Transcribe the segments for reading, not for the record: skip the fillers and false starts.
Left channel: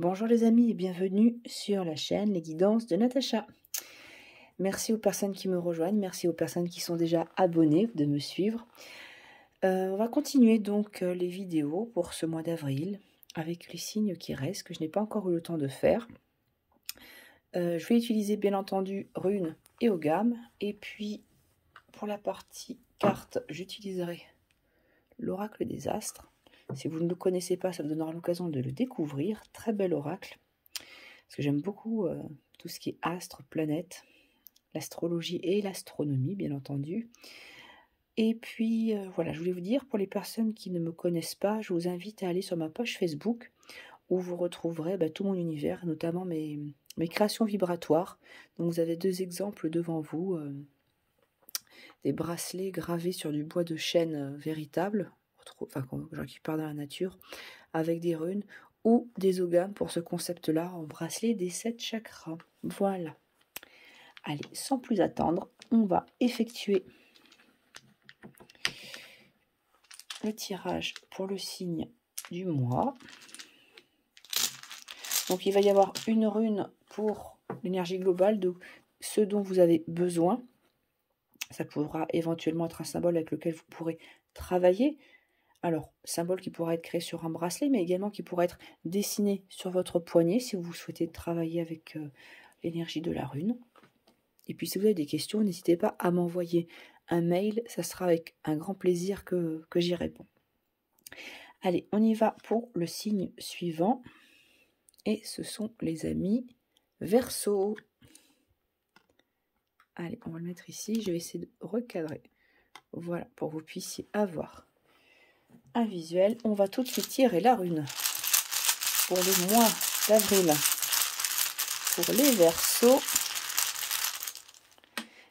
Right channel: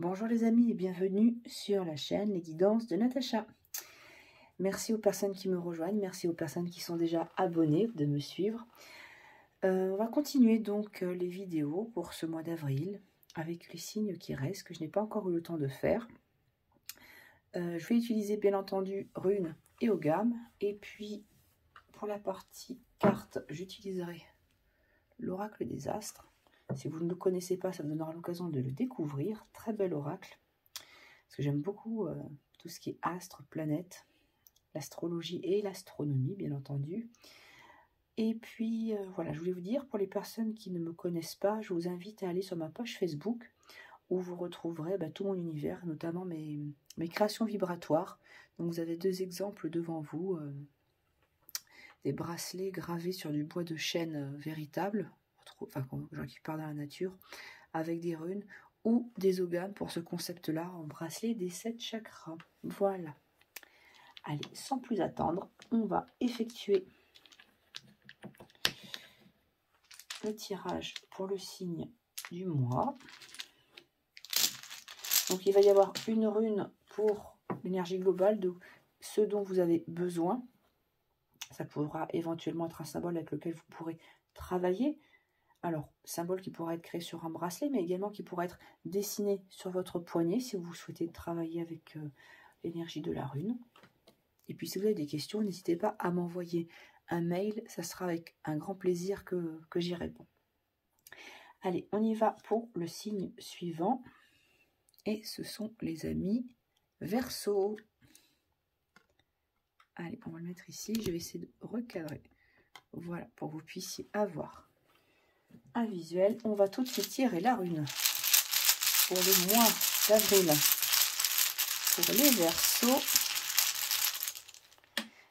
Bonjour les amis et bienvenue sur la chaîne Les Guidances de Natacha. Merci aux personnes qui me rejoignent, merci aux personnes qui sont déjà abonnées de me suivre. On va continuer donc les vidéos pour ce mois d'avril avec les signes qui restent, que je n'ai pas encore eu le temps de faire. Je vais utiliser bien entendu runes et Ogam. Et puis pour la partie carte, j'utiliserai l'oracle des astres. Si vous ne le connaissez pas, ça vous donnera l'occasion de le découvrir. Très bel oracle. Parce que j'aime beaucoup tout ce qui est astres, planètes, l'astrologie et l'astronomie, bien entendu. Et puis, voilà, je voulais vous dire, pour les personnes qui ne me connaissent pas, je vous invite à aller sur ma page Facebook, où vous retrouverez tout mon univers, notamment mes créations vibratoires. Donc, vous avez deux exemples devant vous, des bracelets gravés sur du bois de chêne véritable, enfin, genre qui part dans la nature, avec des runes, ou des Ogam pour ce concept-là, en bracelet des 7 chakras. Voilà. Allez, sans plus attendre, on va effectuer le tirage pour le signe du mois. Donc, il va y avoir une rune pour l'énergie globale de ce dont vous avez besoin. Ça pourra éventuellement être un symbole avec lequel vous pourrez travailler. Alors, symbole qui pourra être créé sur un bracelet, mais également qui pourra être dessiné sur votre poignet si vous souhaitez travailler avec l'énergie de la rune. Et puis, si vous avez des questions, n'hésitez pas à m'envoyer un mail. Ça sera avec un grand plaisir que j'y réponds. Allez, on y va pour le signe suivant. Et ce sont les amis Verseau. Allez, on va le mettre ici. Je vais essayer de recadrer. Voilà, pour que vous puissiez avoir un visuel. On va tout de suite tirer la rune pour le mois d'avril. Pour les Verseaux,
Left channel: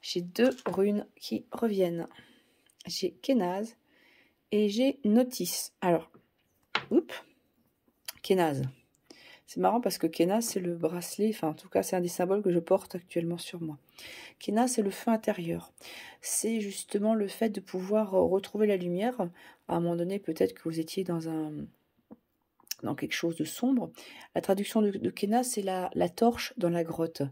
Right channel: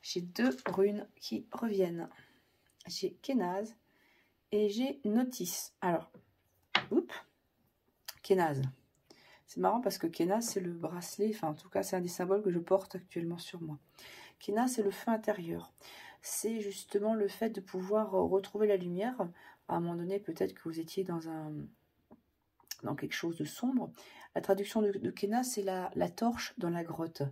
j'ai deux runes qui reviennent. J'ai Kénaz et j'ai Notice. Alors, Kénaz. C'est marrant parce que Kénaz, c'est le bracelet, enfin en tout cas, c'est un des symboles que je porte actuellement sur moi. Kénaz, c'est le feu intérieur. C'est justement le fait de pouvoir retrouver la lumière. À un moment donné, peut-être que vous étiez dans quelque chose de sombre. La traduction de Kénaz, c'est la torche dans la grotte.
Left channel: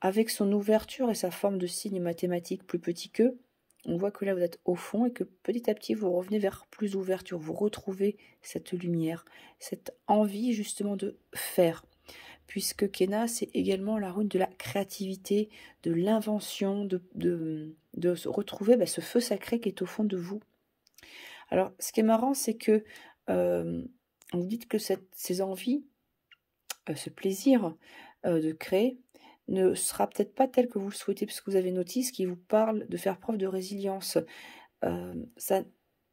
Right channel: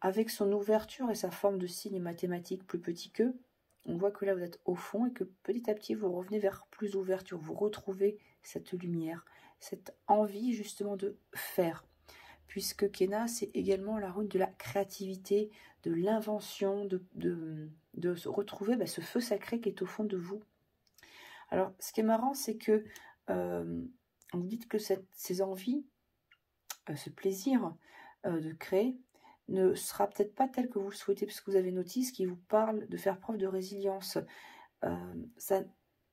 Avec son ouverture et sa forme de signe mathématique plus petit qu'eux, on voit que là, vous êtes au fond et que petit à petit, vous revenez vers plus d'ouverture. Vous retrouvez cette lumière, cette envie justement de faire. Puisque Kénaz, c'est également la rune de la créativité, de l'invention, de se retrouver ce feu sacré qui est au fond de vous. Alors, ce qui est marrant, c'est que vous dites que ces envies, ce plaisir de créer, ne sera peut-être pas tel que vous le souhaitez, parce que vous avez Notice qui vous parle de faire preuve de résilience. Ça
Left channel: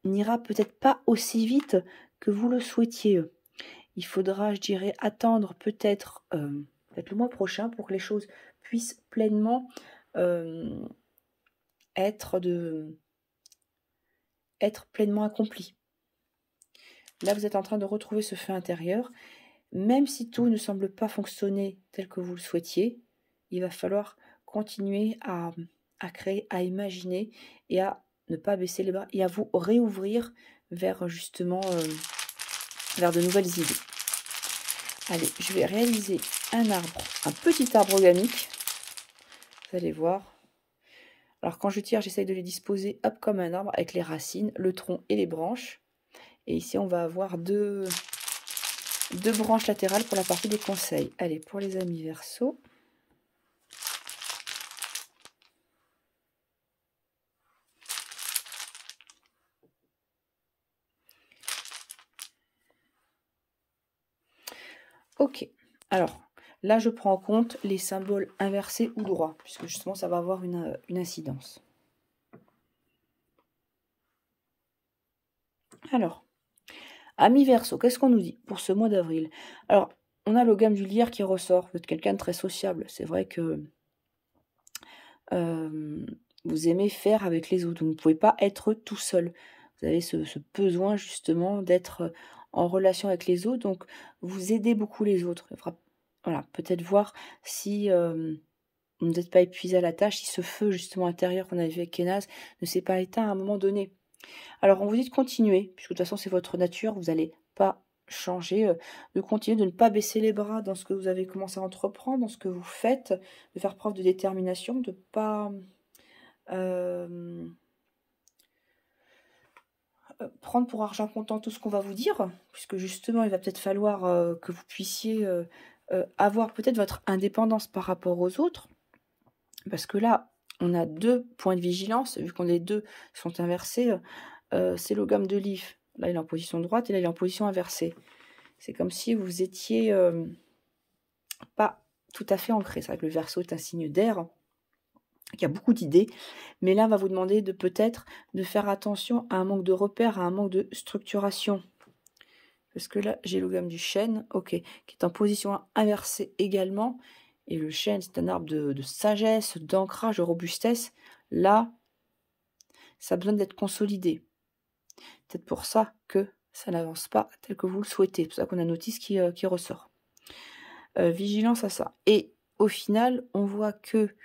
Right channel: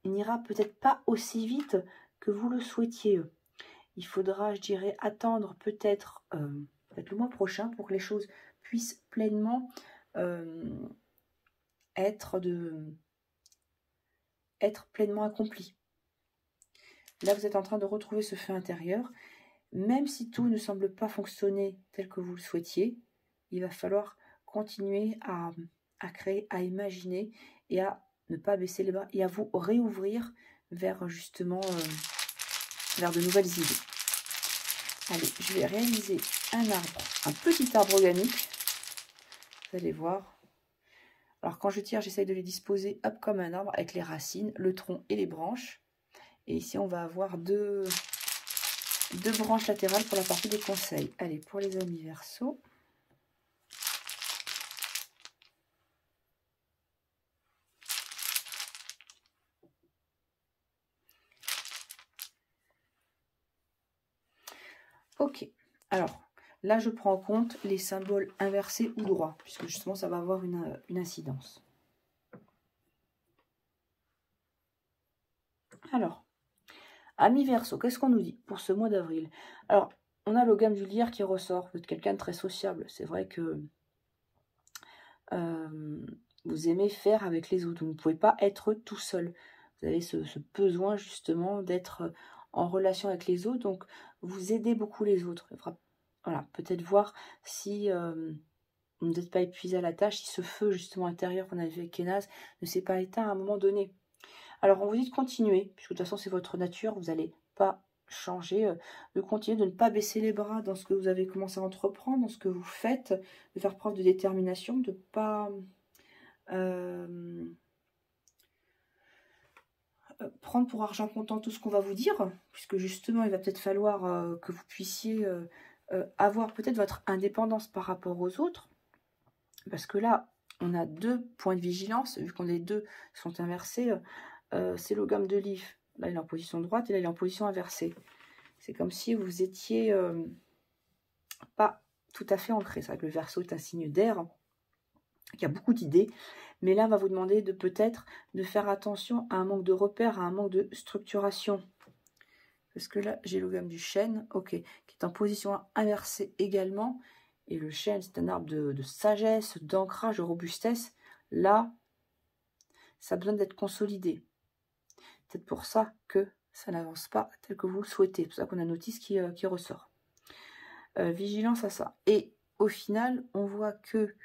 n'ira peut-être pas aussi vite que vous le souhaitiez. Il faudra, je dirais, attendre peut-être le mois prochain pour que les choses puissent pleinement être pleinement accomplies. Là, vous êtes en train de retrouver ce feu intérieur. Même si tout ne semble pas fonctionner tel que vous le souhaitiez, il va falloir continuer à créer, à imaginer et à ne pas baisser les bras et à vous réouvrir vers justement vers de nouvelles idées. Allez, je vais réaliser un petit arbre ogamique. Vous allez voir. Alors quand je tire, j'essaye de les disposer comme un arbre avec les racines, le tronc et les branches. Et ici, on va avoir deux branches latérales pour la partie des conseils. Allez, pour les amis Verseau. Ok, alors là je prends en compte les symboles inversés ou droits, puisque justement ça va avoir une incidence. Alors, amis Verseau, qu'est-ce qu'on nous dit pour ce mois d'avril? Alors, on a le gamme du lierre qui ressort, vous êtes quelqu'un de très sociable, c'est vrai que vous aimez faire avec les autres, vous ne pouvez pas être tout seul. Vous avez ce besoin justement d'être en relation avec les autres, donc vous aidez beaucoup les autres. Voilà, peut-être voir si vous n'êtes pas épuisé à la tâche, si ce feu justement intérieur qu'on avait vu avec Kénaz ne s'est pas éteint à un moment donné. Alors on vous dit de continuer, puisque de toute façon c'est votre nature, vous n'allez pas changer, de continuer, de ne pas baisser les bras dans ce que vous avez commencé à entreprendre, dans ce que vous faites, de faire preuve de détermination, de ne pas prendre pour argent comptant tout ce qu'on va vous dire, puisque justement, il va peut-être falloir que vous puissiez avoir peut-être votre indépendance par rapport aux autres, parce que là, on a 2 points de vigilance, vu qu'on les 2 sont inversés, c'est le gamme de livre. Là, il est en position droite et là, il est en position inversée. C'est comme si vous étiez pas tout à fait ancré. C'est vrai que le Verseau est un signe d'air, il y a beaucoup d'idées, mais là, on va vous demander de peut-être de faire attention à un manque de repères, à un manque de structuration. Parce que là, j'ai le gamme du chêne, ok, qui est en position inversée également. Et le chêne, c'est un arbre de sagesse, d'ancrage, de robustesse. Là, ça a besoin d'être consolidé. Peut-être pour ça que ça n'avance pas tel que vous le souhaitez. C'est pour ça qu'on a une notice qui ressort. Vigilance à ça. Et au final, on voit que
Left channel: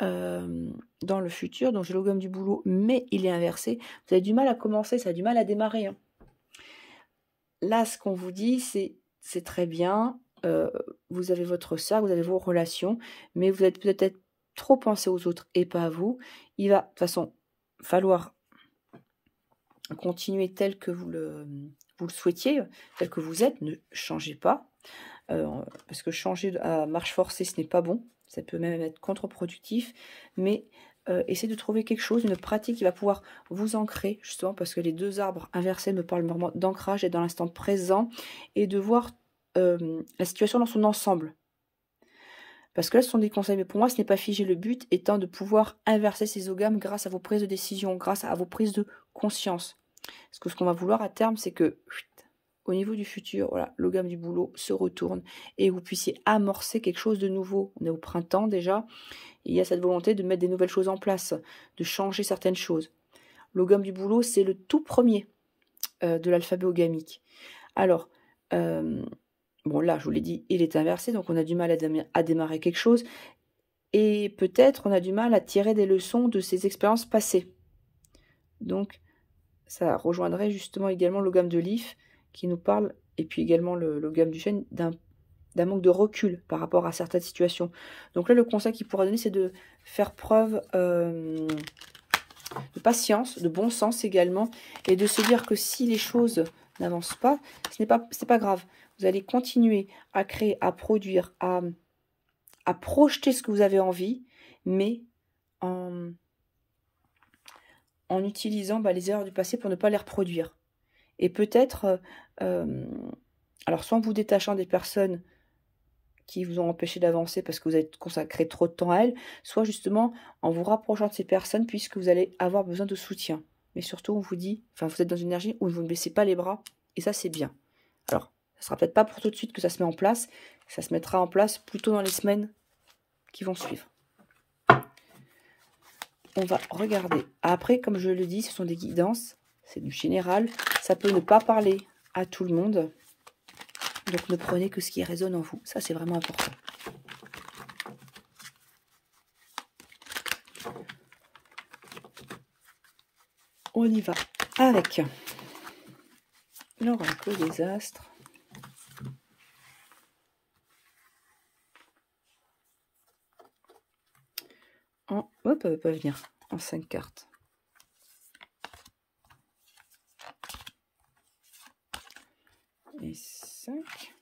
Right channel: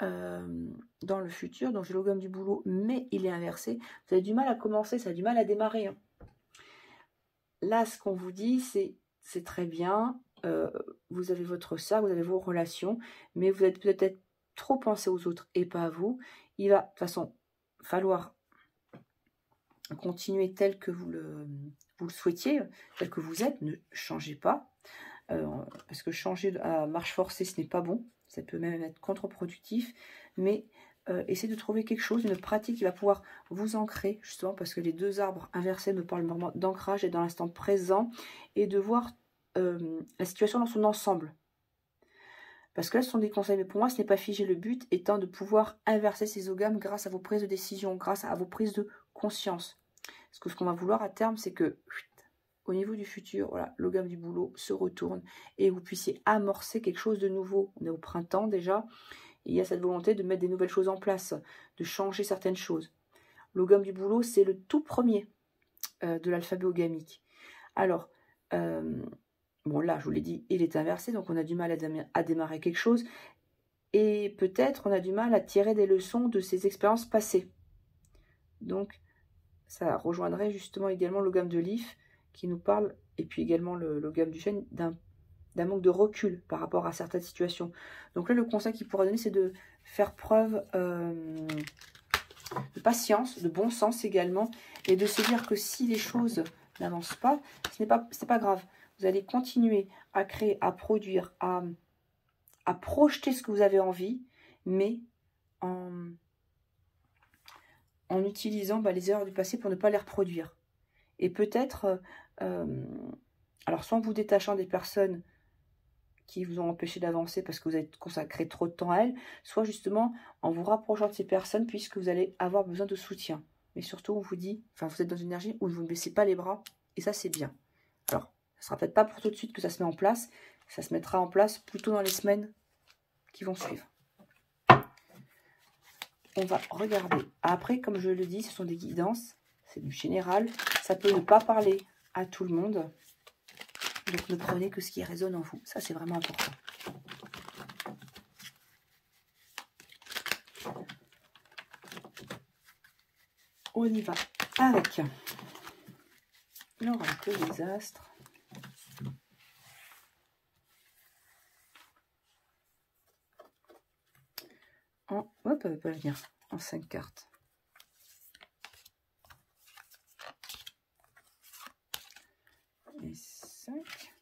dans le futur, donc j'ai le gomme du boulot, mais il est inversé. Vous avez du mal à commencer, ça a du mal à démarrer. Hein. Là, ce qu'on vous dit, c'est très bien. Vous avez votre cercle, vous avez vos relations, mais vous êtes peut-être trop pensé aux autres et pas à vous. Il va de toute façon falloir continuer tel que vous le souhaitiez, tel que vous êtes. Ne changez pas, parce que changer à marche forcée, ce n'est pas bon. Ça peut même être contre-productif, mais essayez de trouver quelque chose, une pratique qui va pouvoir vous ancrer, justement, parce que les 2 arbres inversés me parlent vraiment d'ancrage et dans l'instant présent, et de voir la situation dans son ensemble. Parce que là, ce sont des conseils, mais pour moi, ce n'est pas figé. Le but étant de pouvoir inverser ces ogames grâce à vos prises de décision, grâce à vos prises de conscience. Parce que ce qu'on va vouloir à terme, c'est que au niveau du futur, voilà, le gamme du boulot se retourne et vous puissiez amorcer quelque chose de nouveau. On est au printemps déjà, et il y a cette volonté de mettre des nouvelles choses en place, de changer certaines choses. Le gamme du boulot, c'est le tout premier de l'alphabet ogamique. Alors, bon là, je vous l'ai dit, il est inversé, donc on a du mal à démarrer quelque chose, et peut-être on a du mal à tirer des leçons de ces expériences passées. Donc, ça rejoindrait justement également le gamme de l'IF, qui nous parle, et puis également le gamme du chêne, d'un manque de recul par rapport à certaines situations. Donc là, le conseil qu'il pourra donner, c'est de faire preuve de patience, de bon sens également, et de se dire que si les choses n'avancent pas, ce n'est pas grave. Vous allez continuer à créer, à produire, à projeter ce que vous avez envie, mais en utilisant les erreurs du passé pour ne pas les reproduire. Et peut-être, alors soit en vous détachant des personnes qui vous ont empêché d'avancer parce que vous avez consacré trop de temps à elles, soit justement en vous rapprochant de ces personnes puisque vous allez avoir besoin de soutien. Mais surtout, on vous dit, enfin vous êtes dans une énergie où vous ne baissez pas les bras, et ça c'est bien. Alors, ça ne sera peut-être pas pour tout de suite que ça se met en place, ça se mettra en place plutôt dans les semaines qui vont suivre. On va regarder. Après, comme je le dis, ce sont des guidances, c'est du général, ça peut ne pas parler à tout le monde. Donc ne prenez que ce qui résonne en vous. Ça, c'est vraiment important. On y va avec l'oracle des astres. Hop, elle ne va pas venir en 5 cartes. Et 5.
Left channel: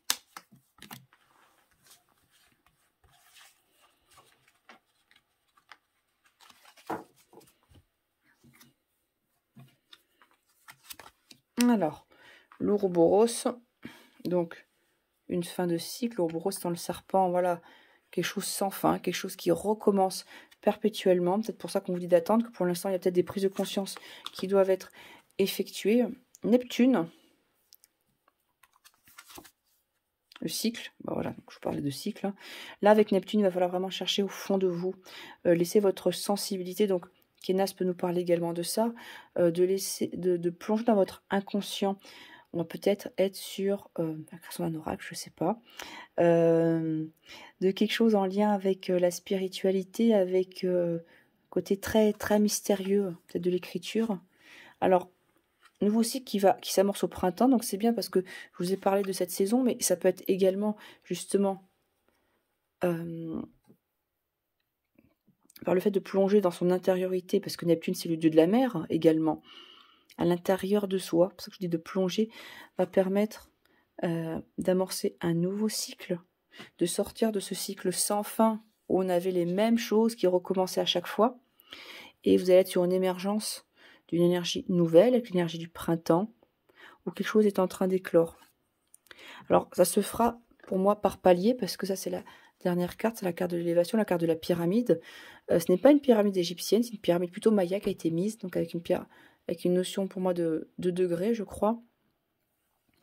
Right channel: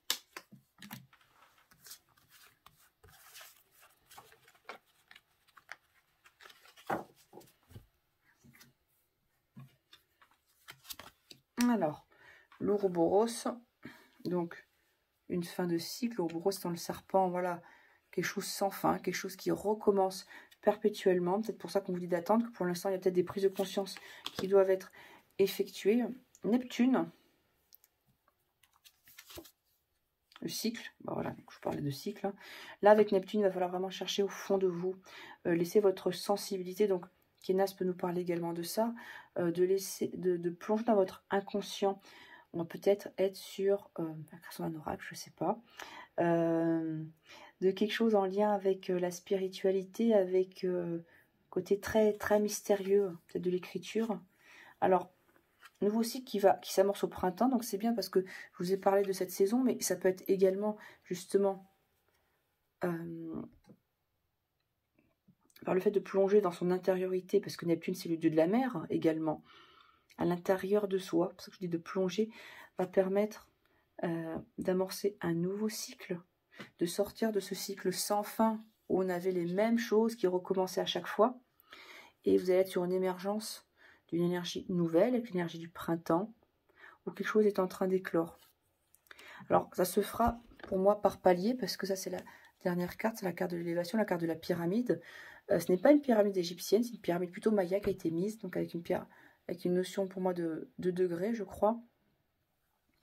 Alors, l'Ouroboros, donc une fin de cycle, l'Ouroboros dans le serpent, voilà, quelque chose sans fin, quelque chose qui recommence perpétuellement. C'est pour ça qu'on vous dit d'attendre, que pour l'instant, il y a peut-être des prises de conscience qui doivent être effectuées. Neptune, le cycle, voilà, je vous parlais de cycle. Hein. Là, avec Neptune, il va falloir vraiment chercher au fond de vous, laisser votre sensibilité, donc Kenas peut nous parler également de ça, de plonger dans votre inconscient. On va peut-être être sur la création d'un oracle, je ne sais pas, de quelque chose en lien avec la spiritualité, avec côté très, très mystérieux, peut-être de l'écriture. Alors, nouveau cycle qui s'amorce au printemps, donc c'est bien parce que je vous ai parlé de cette saison, mais ça peut être également justement par le fait de plonger dans son intériorité, parce que Neptune c'est le dieu de la mer également, à l'intérieur de soi, c'est pour ça que je dis de plonger, va permettre d'amorcer un nouveau cycle, de sortir de ce cycle sans fin où on avait les mêmes choses qui recommençaient à chaque fois, et vous allez être sur une émergence d'une énergie nouvelle, avec l'énergie du printemps, où quelque chose est en train d'éclore. Alors, ça se fera pour moi par palier, parce que ça, c'est la dernière carte, c'est la carte de l'élévation, la carte de la pyramide. Ce n'est pas une pyramide égyptienne, c'est une pyramide plutôt maya qui a été mise, donc avec une pierre, avec une notion pour moi de degrés, je crois.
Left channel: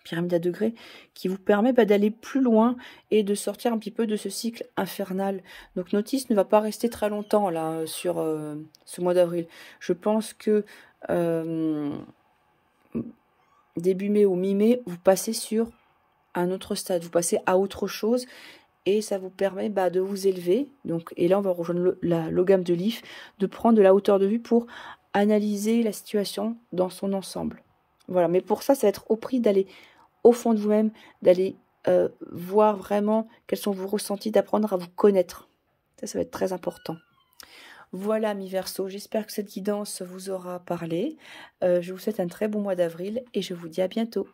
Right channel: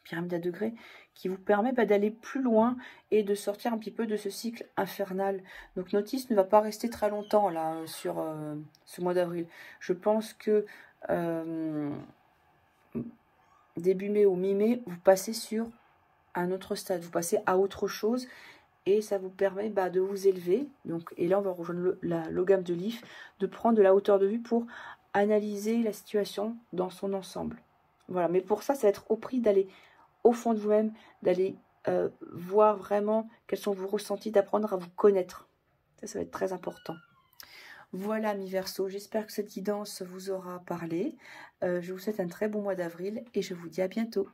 Pyramide à degrés, qui vous permet d'aller plus loin et de sortir un petit peu de ce cycle infernal. Donc Notice ne va pas rester très longtemps là sur ce mois d'avril. Je pense que début mai ou mi-mai, vous passez sur un autre stade, vous passez à autre chose et ça vous permet de vous élever. Donc, et là, on va rejoindre l'ogame de Lilith, de prendre de la hauteur de vue pour analyser la situation dans son ensemble. Voilà, mais pour ça, ça va être au prix d'aller au fond de vous-même, d'aller voir vraiment quels sont vos ressentis, d'apprendre à vous connaître. Ça va être très important. Voilà, mi Verseau, j'espère que cette guidance vous aura parlé. Je vous souhaite un très bon mois d'avril et je vous dis à bientôt.